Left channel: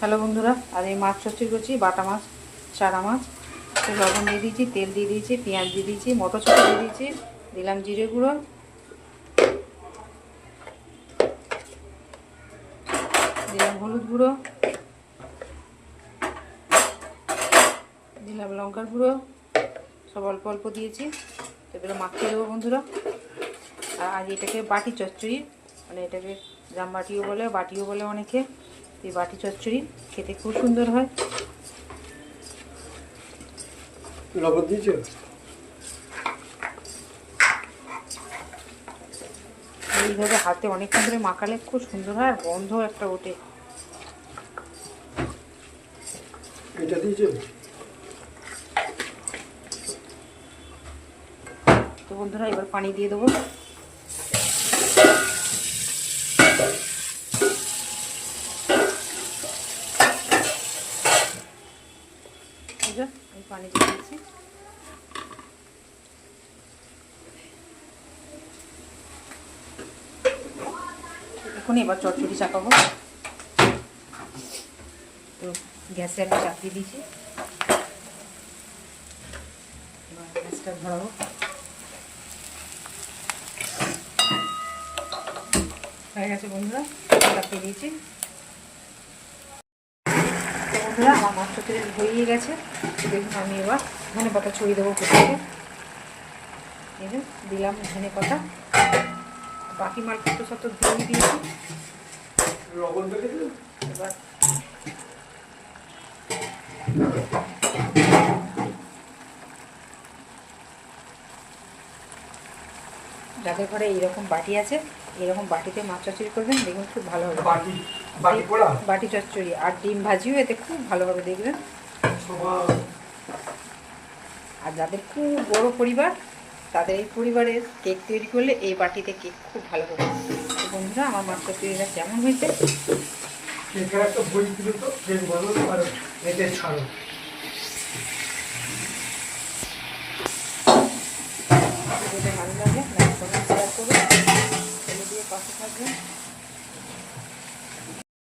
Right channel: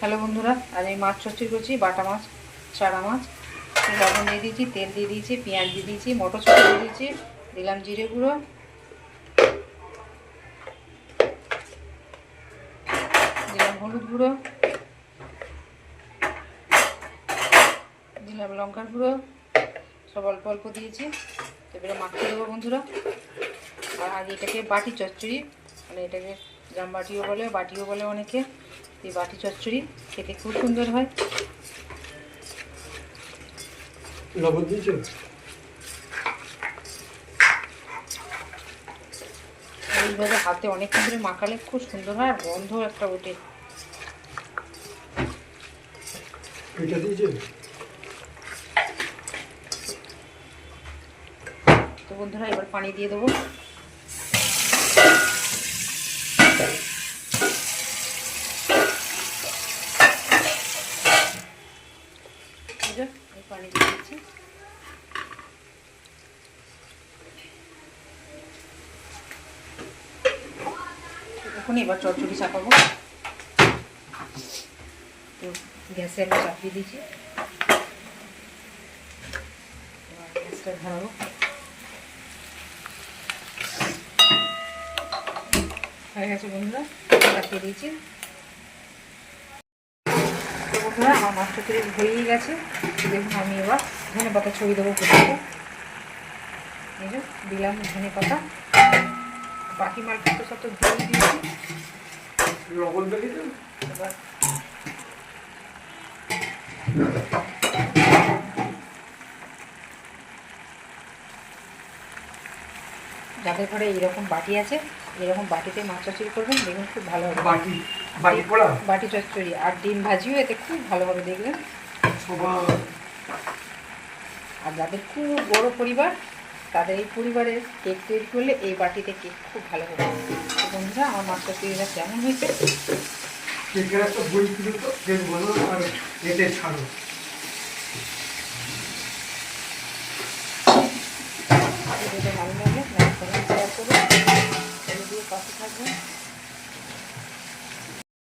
Hello বন্ধুরা, আজ আমি মাছ চচ্চড়ি করছি। বাটা মাছ, চারা মাছ, লবণ দিয়ে দিয়েছি, তেল দিয়ে দিয়েছি, পেঁয়াজ দিয়ে দিয়েছি, মটরশুঁটি দিয়ে দিয়েছি, দিলাম জিরে গুঁড়ো, দিলাম হলুদ গুঁড়ো, দিলাম লঙ্কার গুঁড়ো, সব অল্প অল্প দিয়েছি। তো এবারে মাখিয়ে দেবো বন্ধুরা। আর আজ এটাকে বাটি চচ্চড়ি, মানে এটাকে জাম বাটিও বলে, বাটিও বলে অনেকে। এই বাটি চচ্চড়ি খেতে খুব সুন্দর হয়। লবণ দিয়েছো? এইভাবে হাতে অনেকক্ষণ ধরে মাখালে খুব সুন্দর হয়, আর গন্ধ একটা ওঠে। এটা দিয়েছো? তো বন্ধুরা এবার পানি দিয়ে দেবো। এই পানি দিয়ে দিচ্ছি। এখন এবার চচ্চড়ি চাপাবো। তো গ্যাসে আমি চাপিয়ে দিয়েছি, এবার গ্যাসটা ধরাবো। হয়ে গেছে বন্ধুরা, চাপিয়ে দিয়েছি। তো বন্ধুরা আমার মাছ চচ্চড়ি হয়েই গেছে। দেখুন আমি এবার ধনে পাতা ছড়িয়ে দেবো প্রথমে। এই যে দিলাম ধনে পাতা, বাকি মালটা তো সব তো ধুয়ে দিয়েছি। এবার যাদের ঘরে এইরকম বাটি আছে, এরকম বাটিতে মাছ চচ্চড়ি করবেন, দেখুন খুব ভালো হবে। বাটি চচ্চড়ি আর ডিম ভাজিও এতে খুব ভালো হবে, দেখবেন। আর যাদের খুব বড় পরিবার, তাদের এই পরিবারের কেক তৈরি করলে এই বাটিতে কেক খুব ভালো হবে। তো বন্ধুরা আমার মাছ চচ্চড়িটা কেমন হয়েছে? ভালো লাগলে লাইক করুন, শেয়ার করুন।